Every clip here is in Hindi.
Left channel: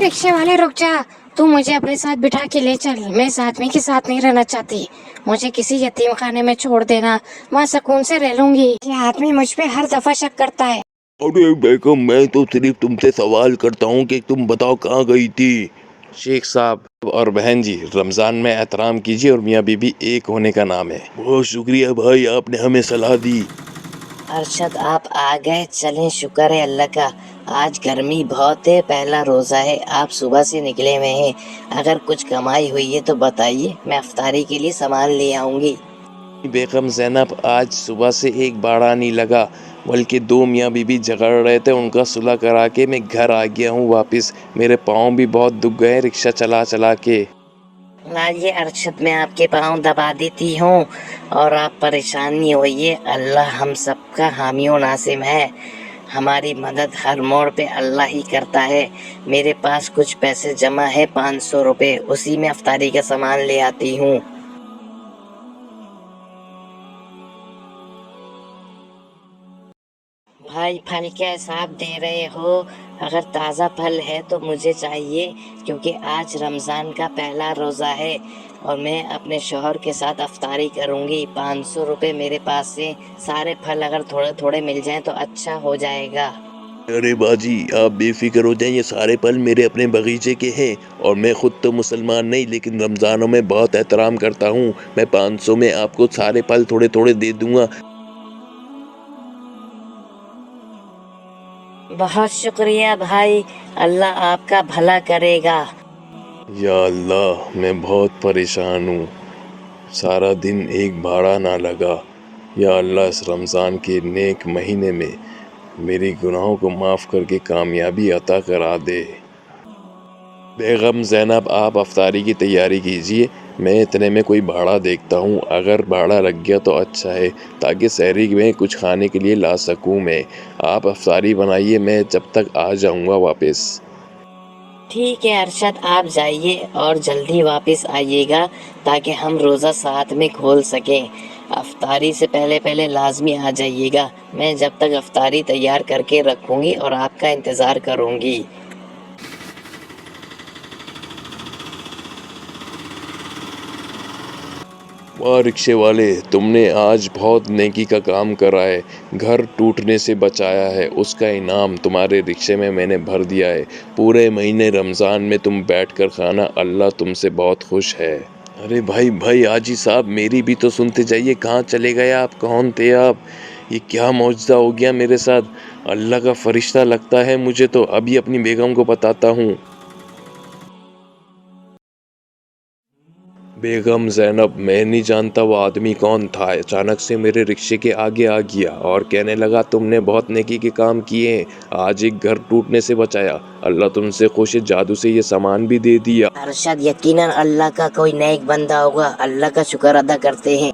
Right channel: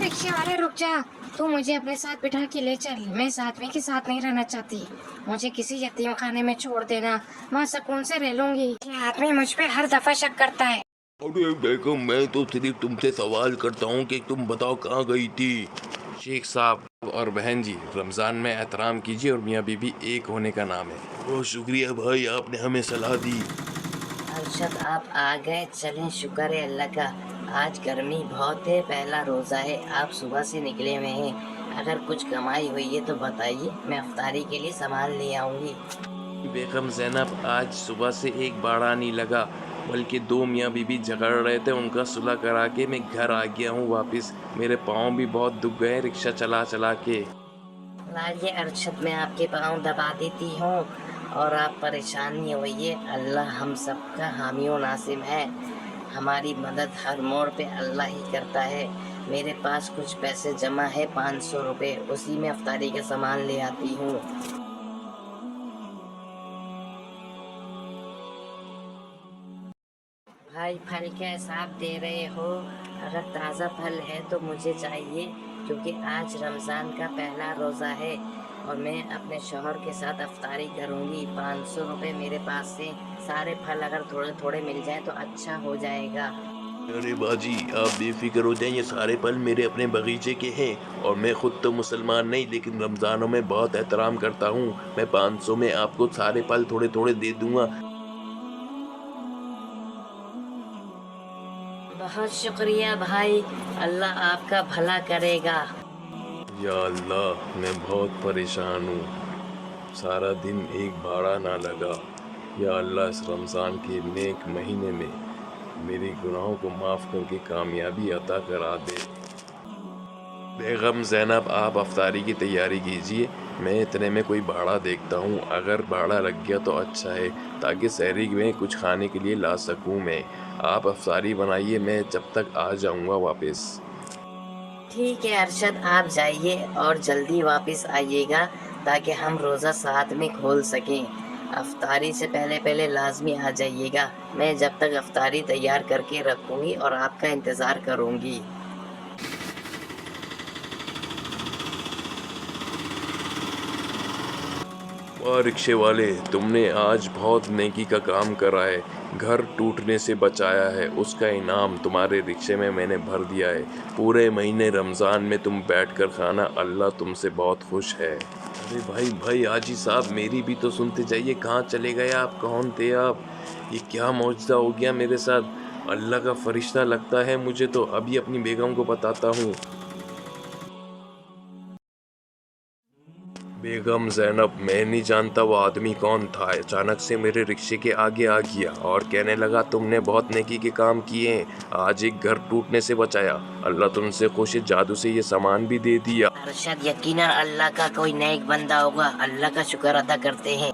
रिक्शे वाले रुक जा। तू मुझे अपने साथ बिठा के ले चल। मैं इस आदमी के साथ नहीं रहना चाहती। मुझे किसी यतीम खाने में छोड़ देना, वहाँ सुकून से रह लूंगी। ये आदमी मुझ पे हर दफा शक करता है। अरे बेगम, मैं तो सिर्फ तुमसे सवाल करता हूँ कि तुम बताओ कहाँ गई थी। शेख साहब और बहन जी, रमज़ान में एहतराम कीजिए और मियाँ बीबी एक होने का नाम है। बहुत शुक्रिया भाई, आपने हमें सलाह दी। अरशद आप आ गए, चलें, शुक्र है अल्लाह का। आज गर्मी बहुत है, पहला रोज़ा है, आप सुबह से निकले हुए हैं। अगर कुछ कमाई हुई है तो बताइए, मैं अफ्तारी के लिए सामान ले आऊँगी। बेगम ज़ैनब, आज सुबह से एक बाड़ा नहीं लगा, बल्कि दो मियाँ बीबी झगड़ रहे थे, उनका सुलह करा के मैं घर आ गया हूँ वापस। मेरे पाँव भी बहुत दुख गए रिक्शा चला चला के। लाइए अरशद, मैं आपके पाँव दबा देती हूँ और आप परेशान नहीं होइए। अल्लाह हम सबका हामी और नासिम है। हमारी मदद हर मोड़ पे अल्लाह ही करता है। मेरे पास कुछ पैसे जमा है, 500 रुपये, उसी में अफ्तारी का सामान ले आती हूँ। भाई फल क्या हिसाब दे रहे हो? अगर ताज़ा फल है तो मुझे चाहिए, क्योंकि आज रमज़ान का पहला रोज़ा है और मैं अपने शौहर के साथ अफ्तारी करूँगी। 500 रुपये मेरे पास से, सारे फल अगर थोड़े थोड़े मिल जाएं तो अच्छा हो जाएगा। अरे बाजी, आप बेफिक्र हो जाएं, ये सारे फल मेरे अपने बगीचे के हैं और मैं खुद तो मुसलमान नहीं, लेकिन रमज़ानों में बहुत एहतराम करता हूँ। मैं 500 में आपको सारे फल थोड़े थोड़े दे दूंगा। बहुत शुक्रिया भाई, अल्लाह आपका भला करेगा। या अल्लाह, मैं बहुत परेशान हूँ, सारा दिन एक भाड़ा ना लगा। या अल्लाह, इस रमज़ान के नेक महीने में मेरी गुनाहों को माफ़ करके कामयाबी अता करा दे। बेगम ज़ैनब, आप अफ्तारी की तैयारी कीजिए, मैं इतने में कोई भाड़ा देखता हूँ। अगर भाड़ा लग गया तो अच्छा है, ताकि सहरी में कुछ खाने के लिए ला सकूँ मैं। आप अफ्तारी बनाइए, मैं जब तक आ जाऊँगा वापस। ठीक है अरशद, आप जाइए और जल्दी वापस आइएगा ताकि हम रोज़ा साथ में खोल सकें। अफ्तारी से पहले पहले लाजमी आ जाइएगा। मैं जब तक अफ्तारी तैयार करके रखूँगी और आपका इंतज़ार करूँगी। वाह रिक्शे वाले, तुमने आज बहुत नेकी का काम करा है, घर टूटने से बचाया है, उसका इनाम तुम्हारे रिक्शे में मैंने भर दिया है। पूरे महीने रमज़ान में तुम बैठकर खाना, अल्लाह तुमसे बहुत खुश है। अरे भाई भाई, हाजी साहब, मेरी भी तो सुनते जाइए। कहाँ चले गए आप? कौन थे आप? ये क्या मौजज़ा हो गया मेरे साथ? अल्लाह का फरिश्ता लगता है मुझे तो। अभी अपनी बेगम को बताता हूँ। बेगम ज़ैनब, मैं नहीं जानता वो आदमी कौन था, अचानक से मेरे रिक्शे के आगे आ गया और कहने लगा तुमने बहुत नेकी के काम किए हैं, आज एक घर टूटने से बचाया, अल्लाह तुमसे खुश है, जादू से ये सामान भी दे दिया। अरशद, यकीनन अल्लाह का कोई नेक बंदा होगा, अल्लाह का शुक्र अदा करते हैं।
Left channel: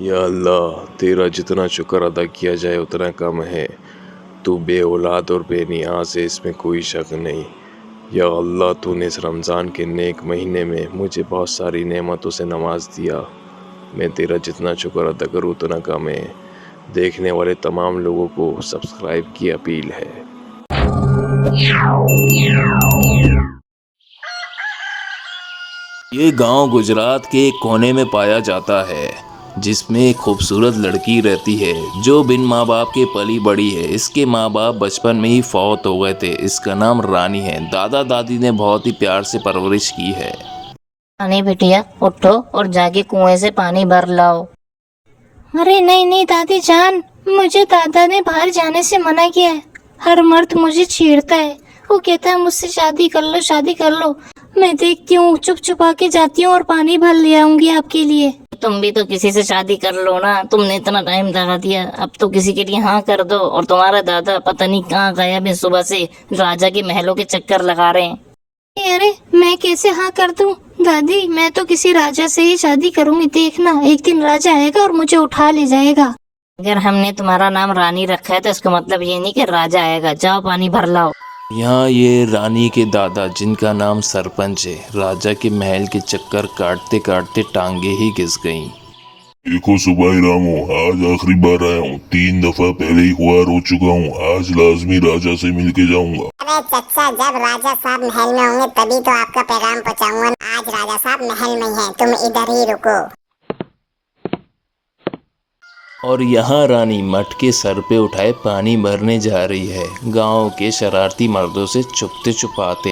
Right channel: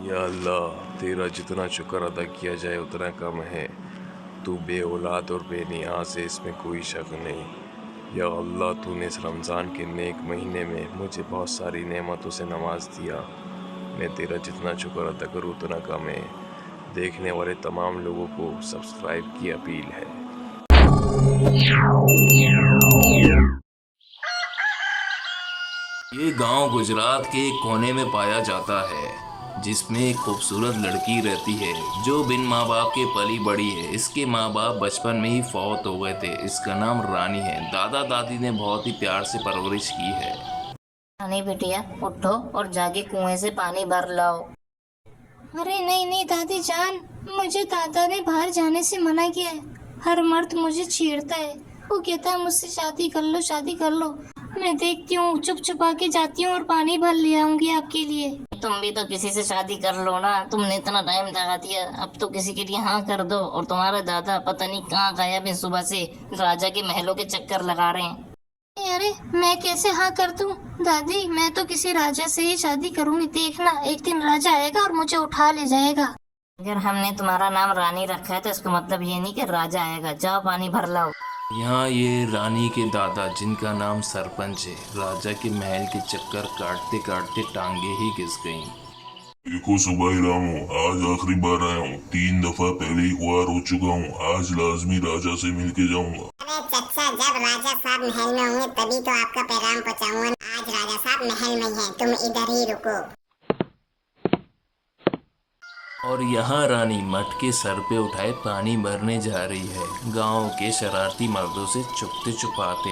या अल्लाह, तेरा जितना शुक्र अदा किया जाए उतना कम है। तू बे औलाद और बेनियाज है, इसमें कोई शक नहीं। या अल्लाह, तूने इस रमज़ान के नेक महीने में मुझे बहुत सारी नेमतों से नवाज दिया। मैं तेरा जितना शुक्र अदा करूँ उतना कम है। देखने वाले तमाम लोगों को सब्सक्राइब की अपील है। ये गांव गुजरात के एक कोने में पाया जाता है, जिसमें एक खूबसूरत लड़की रहती है जो बिन माँ बाप के पली बड़ी है। इसके माँ बाप बचपन में ही फौत हो गए थे। इसका नाम रानी है। दादा दादी ने बहुत ही प्यार से परवरिश की है। रानी बिटिया, उठो और जाके कुएं से पानी भर लाओ। अरे नहीं नहीं दादी जान, मुझे दादा ने बाहर जाने से मना किया है। हर मर्द मुझे छेड़ता है, वो कहता है मुझसे शादी कर लो, शादी कर लो। मैं देखती हूँ, चुप छुपा के जाती हूँ और पानी भर ले आऊंगी आपके लिए। तुम भी तो किसी से शादी कर लो ना, तुमने इतना टाइम लगा दिया, अब तो किसी के लिए हाँ कर दो। और तुम्हारा दादा पता नहीं कहाँ गायब है, सुबह से राजा के महलों के चक्कर लगा रहे हैं। अरे मैं कैसे हाँ कर दूं दादी, मैं तो किसी राजा से ही शादी करूंगी। देखना, एक दिन राजा आएगा और मुझे उठा ले जाएगा। अगर हमने तुम्हारा नाम रानी रखा है तो इसका मतलब ये नहीं कि राजा आएगा। जाओ पानी भर लाओ। यहाँ ये रानी के दादा, जिनका नाम सरपंच है, राजा के महल के चक्कर काटते काटते टांगे ही घिस गईं। देखो सुबाई रामो, आज आखिरी बार आया हूँ, 3 दफा पहले ही ख्वार हो चुका हूँ, आज लाजमी राजा से मिल के जाऊंगा। अबे चच्चा, जब राजा साहब महल में होंगे तभी तो आपका पैगाम पहुंचाऊंगा। आज राजा साहब महल में ही हैं, तुम इधर ही रुको। और यहाँ रानी मटके सर पे उठाए पानी भरने जा रही है, गांव के शरारती मर्दों से छुपते छुपाते।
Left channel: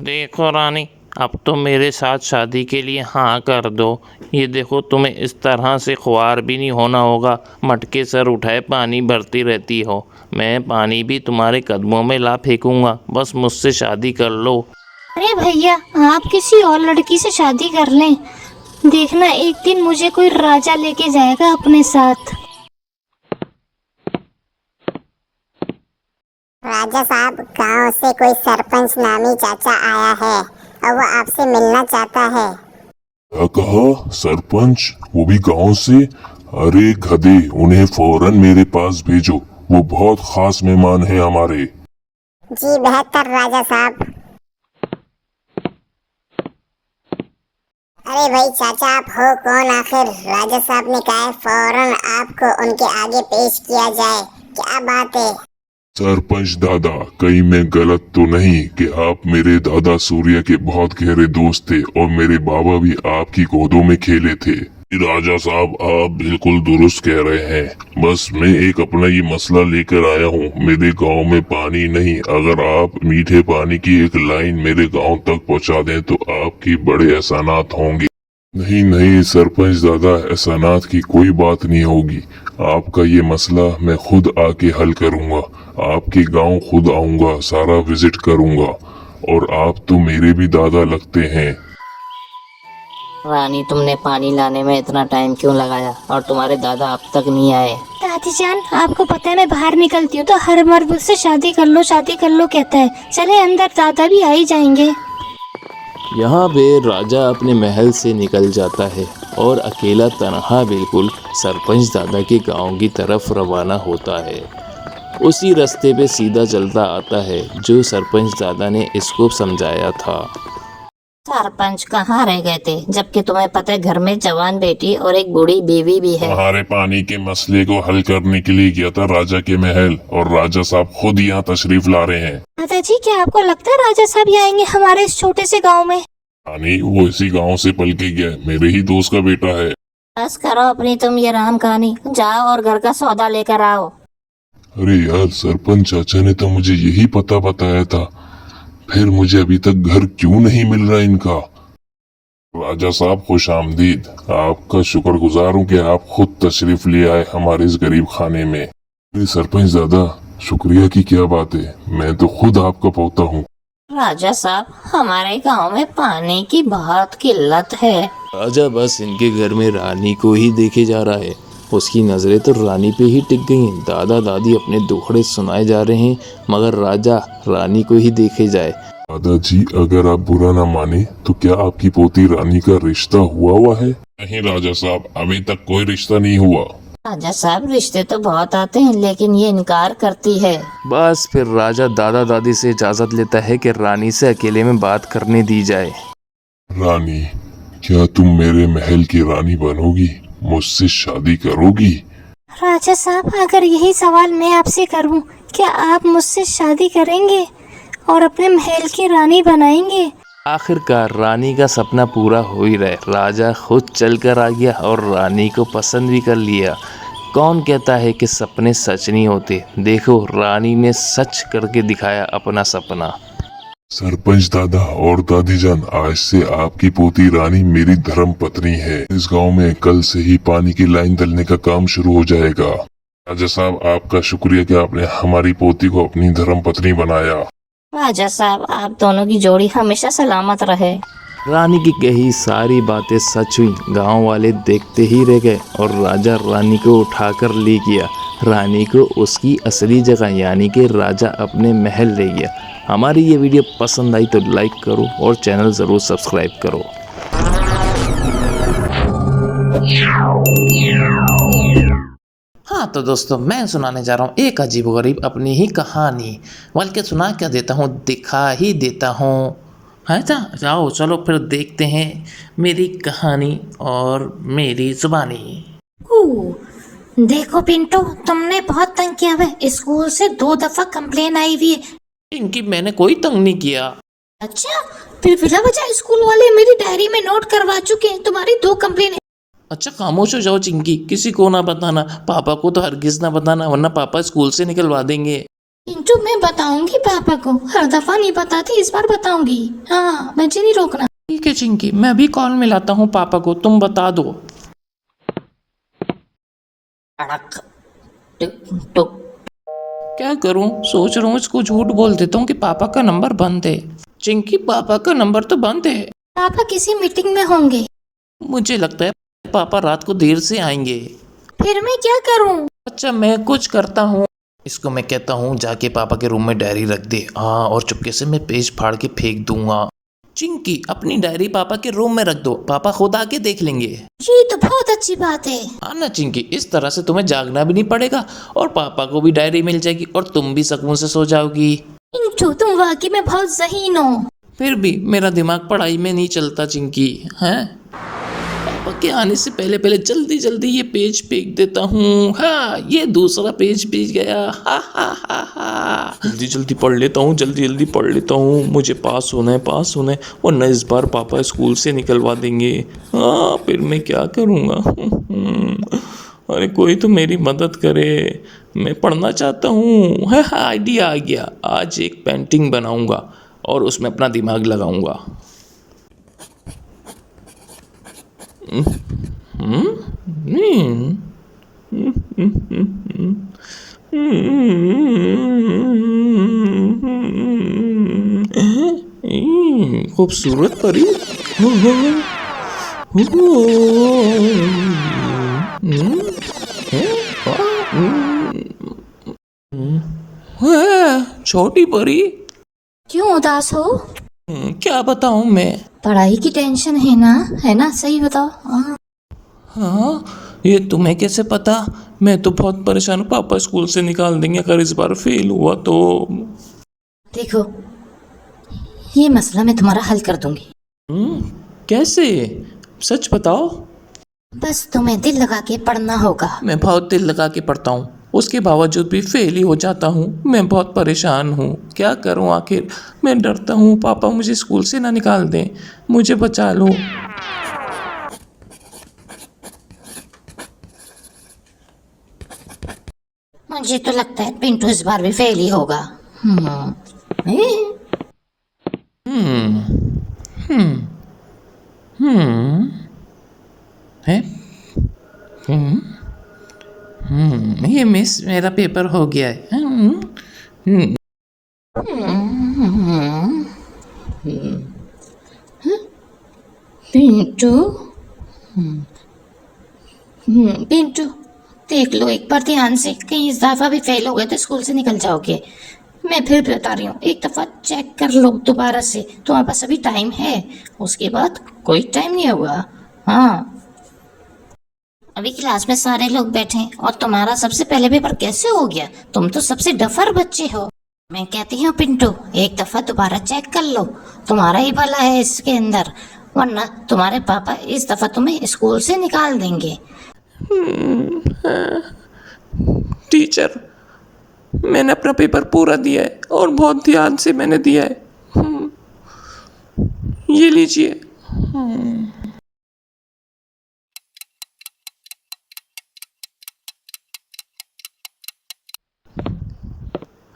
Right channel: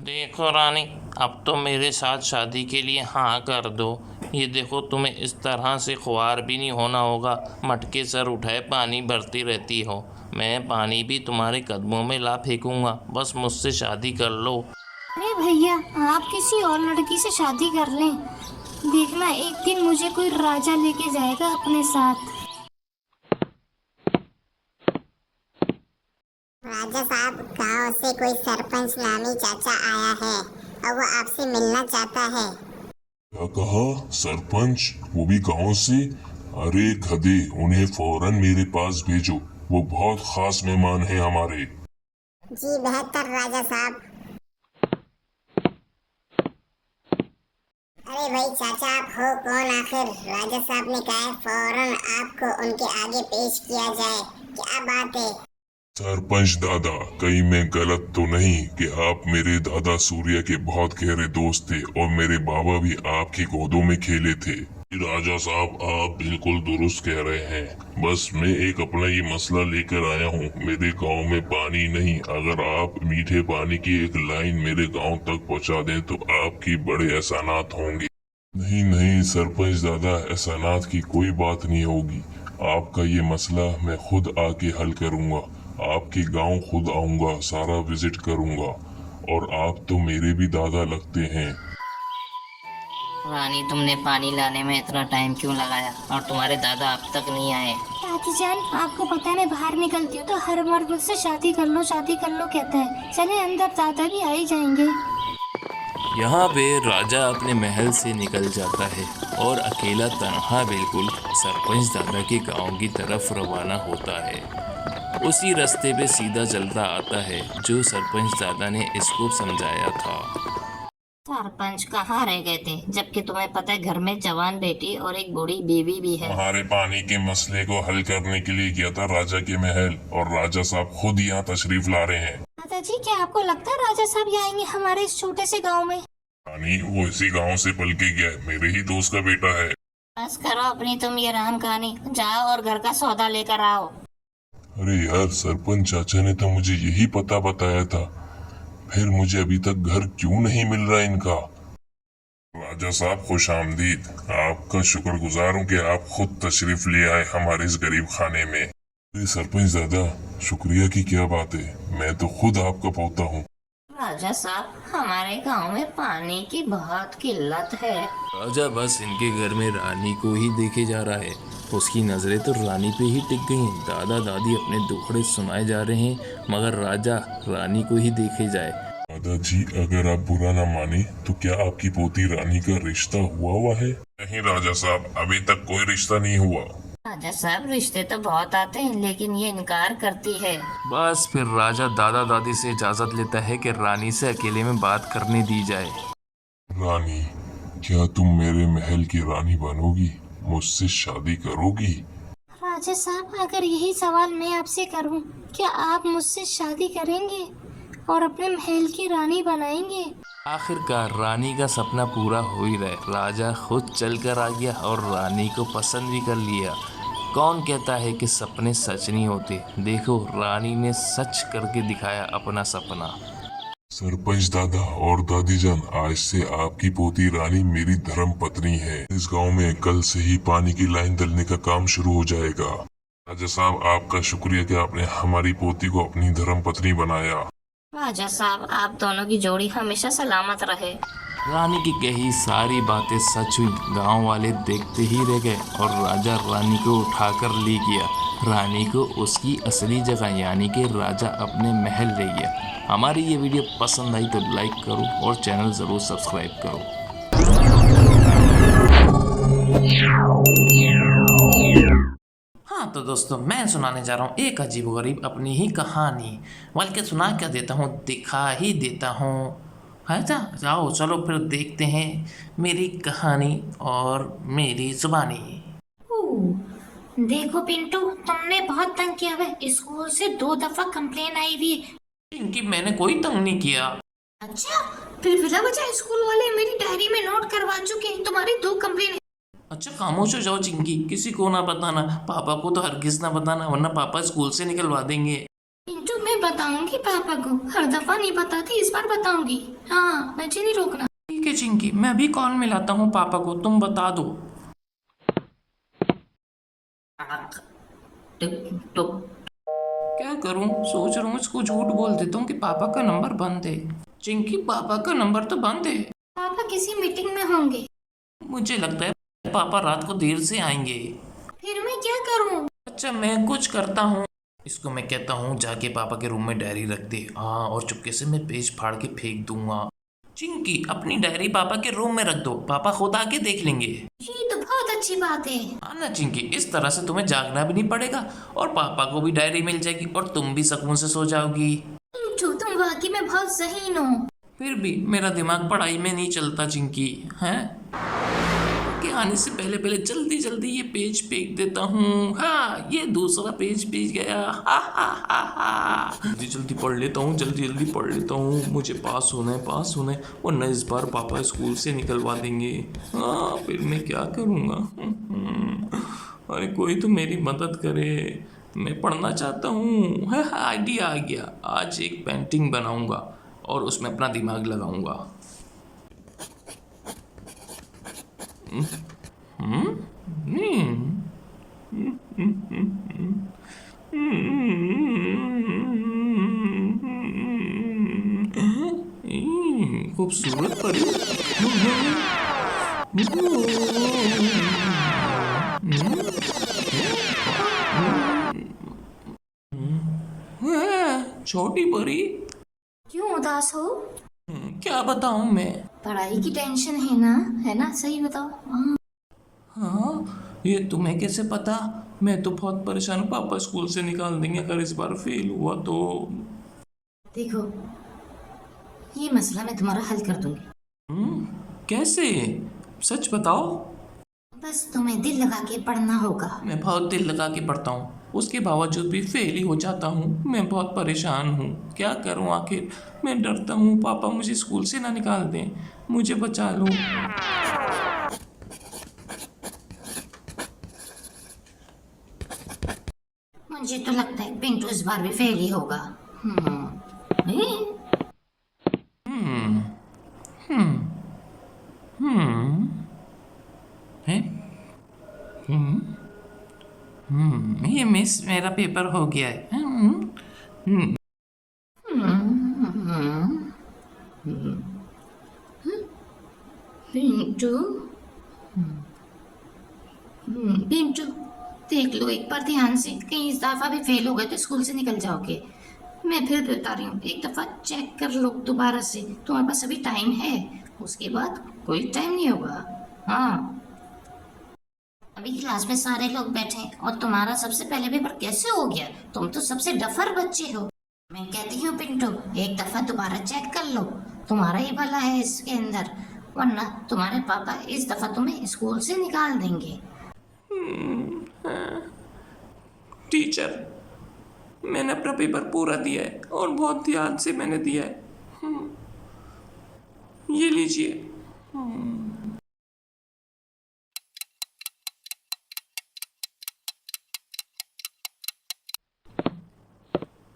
देखो रानी, अब तो मेरे साथ शादी के लिए हाँ कर दो। ये देखो, तुम्हें इस तरह से ख्वार भी नहीं होना होगा, मटके सर उठाए पानी भरती रहती हो। मैं पानी भी तुम्हारे कदमों में ला फेंकूंगा, बस मुझसे शादी कर लो। अरे भैया, आप किसी और लड़की से शादी कर लें, देखना एक दिन मुझे कोई राजा लेके जाएगा अपने साथ। राजा साहब, गांव से कोई सरपंच नामी चाचा आया है और वो आपसे मिलना चाहता है। क्या कहा? सरपंच? वो भी गांव से? अरे गधे, उन्हें फौरन मेरे पास भेजो, वो बहुत खास मेहमान है हमारे। जी बेहतर राजा साहब। अरे भाई चाचा, आप हो कौन आखिर? राजा साहब ने कहा है फौरन आपको उनके आगे पेश किया जाए। क्या बात है? सरपंच दादा, कहीं मैं गलत तो नहीं कि आप मेरे दादा सूर्य के बहुत गहरे दोस्त थे और मेरे बाबा भी आपकी गोदों में खेले थे। राजा साहब, आप बिल्कुल दुरुस्त कह रहे हैं। बस मैं एक अपना ये मसला लेकर आया हूँ। मेरे गांव में पानी नहीं, अगर आप मीठे पानी की एक लाइन मेरे गांव तक पहुँचा दें तो आपकी बड़े एहसानात होंगे। नहीं नहीं सरपंच दादा, एहसानात की कोई बात नहीं होगी। आपका ये मसला मैं खुद आके हल करूँगा। आपके गांव खुद आऊँगा, सारा विजिट करूँगा। और आप तो मेरे भी दादा लगते हैं। रानी, तुमने पानी लाने में इतना टाइम क्यों लगाया और तुम्हारे दादा अब तक नहीं आए? दादी जान, आपको पता है मैं बाहर निकलती हूँ तो हर मर्द मुझसे शादी कर लो कहता है। चले अंदर, दादा भी आ ही जाएंगे। यहाँ पे राजा अपने महल से निकल जाता है और अकेला तनहा बिल्कुल सरपंच दादा के गांव की तरफ रवाना होता है। उसी रास्ते पे सीधा चलता आता है जो सरपंच दादा ने इसको समझाया था। सरपंच कहाँ रह गए थे, जबकि तुम्हें पता है घर में जवान बेटी और एक बूढ़ी बीवी भी है। तुम्हारे पानी के मसले को हल करने के लिए गया था राजा के महल, और राजा साहब खुद यहाँ तशरीफ ला रहे हैं। दादाजी, क्या आपको लगता है राजा साहब ही आएंगे हमारे इस छोटे से गांव में? रानी, वो इसी गांव से पल के गया, मेरे ही दोस्त का बेटा है। बस करो अपनी तुम ये राम कहानी, जाओ और घर का सौदा लेकर आओ। अरे यार, सरपंच चाचा ने तो मुझे यही पता बताया था, फिर मुझे अभी तक घर क्यों नहीं मिल रहा इनका। राजा साहब खुश आमदीद, आपका शुक्रगुजार हूँ कि आप खुद तशरीफ ले आए हमारे इस गरीब खाने में। अरे सरपंच दादा, शुक्रिया की क्या बात है, मैं तो खुद आपका पोता हूँ। राजा साहब, हमारे गांव में पानी की बहुत किल्लत है। राजा बस इनके घर में रानी को ही देखे जा रहा है, उसकी नज़रें तो रानी पे ही टिक गई हैं। दादा दादी अपने दुखड़े सुनाए जा रहे हैं, मगर राजा रानी को ही देखे जाए। दादाजी, अगर आप बुरा ना माने तो क्या आपकी पोती रानी का रिश्ता हुआ है? नहीं राजा साहब, अभी तक कोई रिश्ता नहीं हुआ। राजा साहब, रिश्ते तो बहुत आते हैं लेकिन ये इनकार करती है। बस फिर राजा दादा दादी से इजाज़त लेता है कि रानी से अकेले में बात करने दी जाए। रानी, क्या तुम मेरे महल की रानी बनोगी, मुझसे शादी करोगी? राजा साहब, अगर यही सवाल मैं आपसे करूं, क्या आप मुझसे शादी करेंगे और अपने महल की रानी बनाएंगे? आखिरकार रानी का सपना पूरा हो ही रहा। राजा खुद चल कर आ गया और रानी को पसंद भी कर लिया। कौन कहता है कि सपने सच नहीं होते? देखो, रानी ने सच करके दिखाया अपना सपना। सरपंच दादा और दादी जान, आज से आपकी पोती रानी मेरी धर्म पत्नी है। इस गांव में कल से ही पानी की लाइन डलने का काम शुरू हो जाएगा। राजा साहब, आपका शुक्रिया कि आपने हमारी पोती को अपनी धर्म पत्नी बनाया। राजा साहब, आप दोनों की जोड़ी हमेशा सलामत रहे। रानी की कही सारी बातें सच हुई। गांव वाले देखते ही रह गए और राजा रानी को उठाकर ले गया। रानी को उसकी असली जगह यानी कि राजा अपने महल ले गया। हमारी ये वीडियो पसंद आई तो लाइक करो और चैनल ज़रूर सब्सक्राइब करो। हाँ तो दोस्तों, मैं सुनाने जा रहा हूँ एक अजीबोगरीब अपनी ही कहानी। बल्कि सुना क्या देता हूँ, दिखा ही देता हूँ। है ना? जाओ चलो फिर देखते हैं मेरी कहानी और मेरी ज़ुबानी। देखो पिंटू, तुमने बहुत तंग किया है। स्कूल से 2 दफा कंप्लेन आई हुई है। चिंकी मैंने कोई तंग नहीं किया। अच्छा, फिर बिला वजह स्कूल वाले मेरी डायरी में नोट करवा चुके हैं तुम्हारी 2 कंप्लेन है। अच्छा खामोश हो जाओ चिंकी, किसी को ना बताना, पापा को तो हरगिज ना बताना वरना पापा स्कूल से निकलवा देंगे। पिंटू मैं बताऊंगी पापा को, हर दफा नहीं बताती, इस बार बताऊंगी। हाँ, मुझे नहीं रोकना। ठीक है चिंकी, मैं अभी कॉल मिलाता हूँ पापा को, तुम बता दो। अड़क टुक टुक। क्या करूँ, सोच रहा हूँ इसको झूठ बोल देता हूँ कि पापा का नंबर बंद है। चिंकी पापा का नंबर तो बंद है। पापा किसी मीटिंग में होंगे। मुझे लगता है पापा रात को देर से आएंगे। फिर मैं क्या करूं? अच्छा मैं कुछ करता हूँ, इसको मैं कहता हूँ जाके पापा के रूम में डायरी रख दे। हाँ, और चुपके से मैं पेज फाड़ के फेंक दूंगा। चिंकी अपनी डायरी पापा के रूम में रख दो, पापा खुद आके देख लेंगे। ये तो बहुत अच्छी बात है। हाँ ना चिंकी, इस तरह से तुम्हें जागना भी नहीं पड़ेगा और पापा को भी डायरी मिल जाएगी और तुम भी सुकून से सो जाओगी। पिंटू तुम वाकई में बहुत ज़हीन हो। फिर भी मेरा दिमाग पढ़ाई में नहीं चलता चिंकी। हैं, पापा के आने से पहले पहले जल्दी जल्दी ये पेज फेंक देता हूँ। हाँ, ये दूसरा पेज बीत गया। हा हा हा हा, जल्दी जल्दी पढ़ लेता हूँ, जल्दी जल्दी पढ़ लेता हूँ। मुझे पास होना है, पास होना है, वरना इस बार पापा स्कूल से निकलवा देंगे। हाँ, फिर मैं क्या करूँगा? अरे कोई तो मेरी मदद करे, मैं पढ़ना चाहता हूँ। हाँ हाँ, आइडिया आ गया, आज एक पेंटिंग बनाऊँगा और उसमें अपना दिमाग लगाऊंगा। खूबसूरत परी। छोटी परी, क्यों उदास हो? क्या बताऊं मैं? पढ़ाई की टेंशन है ना? सही बताओ। हाँ। हाँ, ये तुम्हें कैसे पता? मैं तो बहुत परेशान हूँ, पापा स्कूल से निकाल देंगे अगर इस बार फेल हुआ तो। देखो, ये मसला मैं तुम्हारा हल कर दूंगी। कैसे? सच बताओ। बस तुम्हें दिल लगा के पढ़ना होगा। मैं बहुत दिल लगा के पढ़ता हूँ, उसके बावजूद भी फेल ही हो जाता हूँ। मैं बहुत परेशान हूँ, क्या करूँ आखिर? मैं डरता हूँ पापा मुझे स्कूल से ना निकाल दें, मुझे बचा लो। मुझे तो लगता है पिंटू इस बार भी फेल ही होगा। है? ये मिस मेरा पेपर हो गया है। पिंटू, पिंटू देख लो एक बार ध्यान से, कहीं इस दफा भी फेल हो गए तो स्कूल से निकल जाओगे। मैं फिर बता रही हूँ, एक दफा चेक कर लो दोबारा से, तुम्हारे पास अभी टाइम है, उसके बाद कोई टाइम नहीं होगा। हाँ, अभी क्लास में सारे लोग बैठे हैं और तुम्हारा सबसे पहले पेपर कैसे हो गया? तुम तो सबसे डफर बच्चे हो। मैं कहती हूँ पिंटू, एक दफा दोबारा चेक कर लो, तुम्हारा ही भला है इसके अंदर, वरना तुम्हारे पापा इस दफा तुम्हें स्कूल से निकाल देंगे। टीचर, मैंने अपना पेपर पूरा दिया है और बहुत ध्यान से मैंने दिया है। ये लीजिए।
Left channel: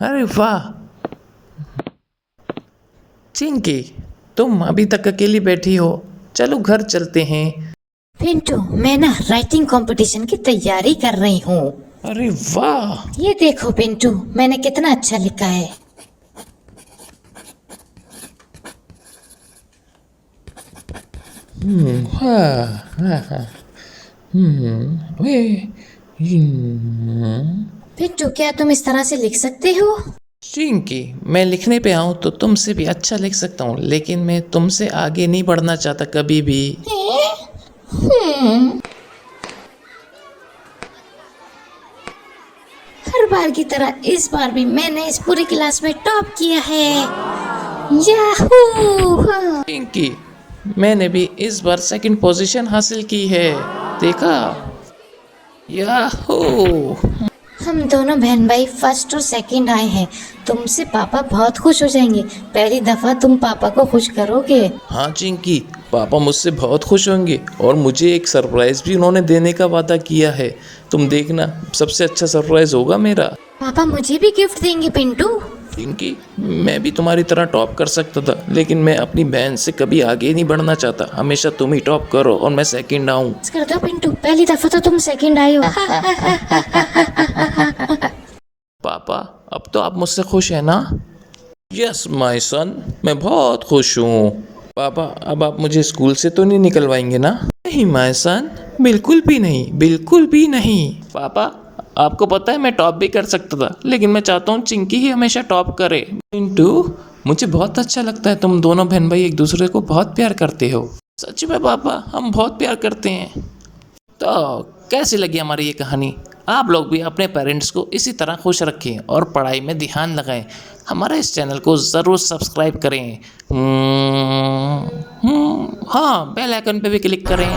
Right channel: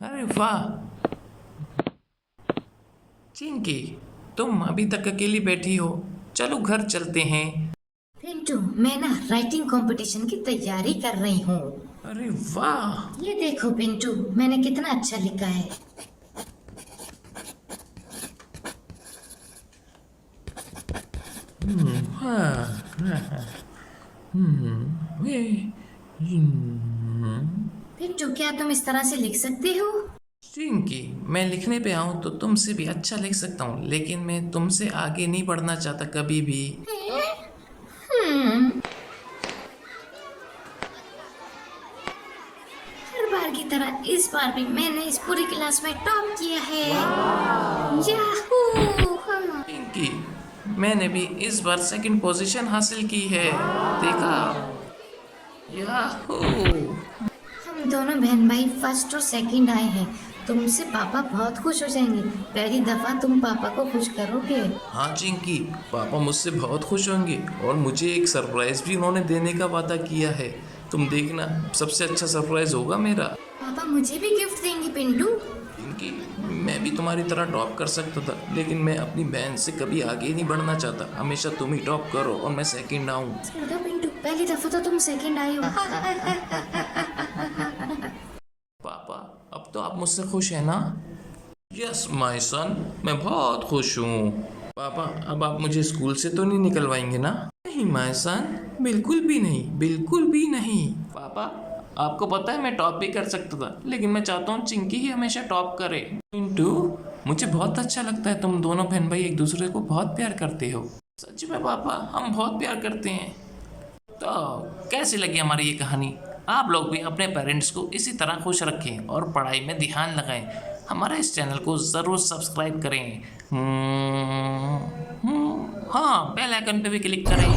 अरे वाह चिंकी, तुम अभी तक अकेली बैठी हो, चलो घर चलते हैं। पिंटू, मैं ना राइटिंग कंपटीशन की तैयारी कर रही हूँ। अरे वाह, ये देखो पिंटू, मैंने कितना अच्छा लिखा है। पिंटू, क्या तुम इस तरह से लिख सकते हो? चिंकी, मैं लिखने पे आऊँ तो तुमसे भी अच्छा लिख सकता हूँ, लेकिन मैं तुमसे आगे नहीं बढ़ना चाहता कभी भी। हर बार की तरह इस बार भी मैंने इस पूरी क्लास में टॉप किया है। याहू! चिंकी, मैंने भी इस बार सेकंड पोजीशन हासिल की है, देखा? याहू! हम दोनों बहन भाई फर्स्ट और सेकंड आए हैं। तुमसे पापा बहुत खुश हो जाएंगे। पहली दफा तुम पापा को खुश करोगे। हाँ चिंकी, पापा मुझसे बहुत खुश होंगे और मुझे एक सरप्राइज़ भी उन्होंने देने का वादा किया है। तुम देखना, सबसे अच्छा सरप्राइज़ होगा मेरा। पापा मुझे भी गिफ्ट देंगे पिंटू। चिंकी, मैं भी तुम्हारी तरह टॉप कर सकता था, लेकिन मैं अपनी बहन से कभी आगे नहीं बढ़ना चाहता। हमेशा तुम ही टॉप करो और मैं सेकंड आऊँ। कर दो पिंटू, पहली दफा तो तुम सेकंड आए हो। पापा, अब तो आप मुझसे खुश हैं ना? यस माय सन, मैं बहुत खुश हूँ। पापा, अब आप मुझे स्कूल से तो नहीं निकलवाएंगे ना? नहीं माय सन, बिल्कुल भी नहीं, बिल्कुल भी नहीं। पापा, आपको पता है मैं टॉप भी कर सकता था, लेकिन मैं चाहता हूँ चिंकी ही हमेशा टॉप करे। पिंटू, मुझे बहुत अच्छा लगता है, तुम दोनों बहन भाई एक दूसरे को बहुत प्यार करते हो। सच में पापा, हम बहुत प्यार करते हैं। तो कैसी लगी हमारी ये कहानी? आप लोग भी अपने पेरेंट्स को इसी तरह खुश रखें और पढ़ाई में ध्यान लगाएं। हमारे इस चैनल को ज़रूर सब्सक्राइब करें। हाँ, बेल आइकन पे भी क्लिक करें।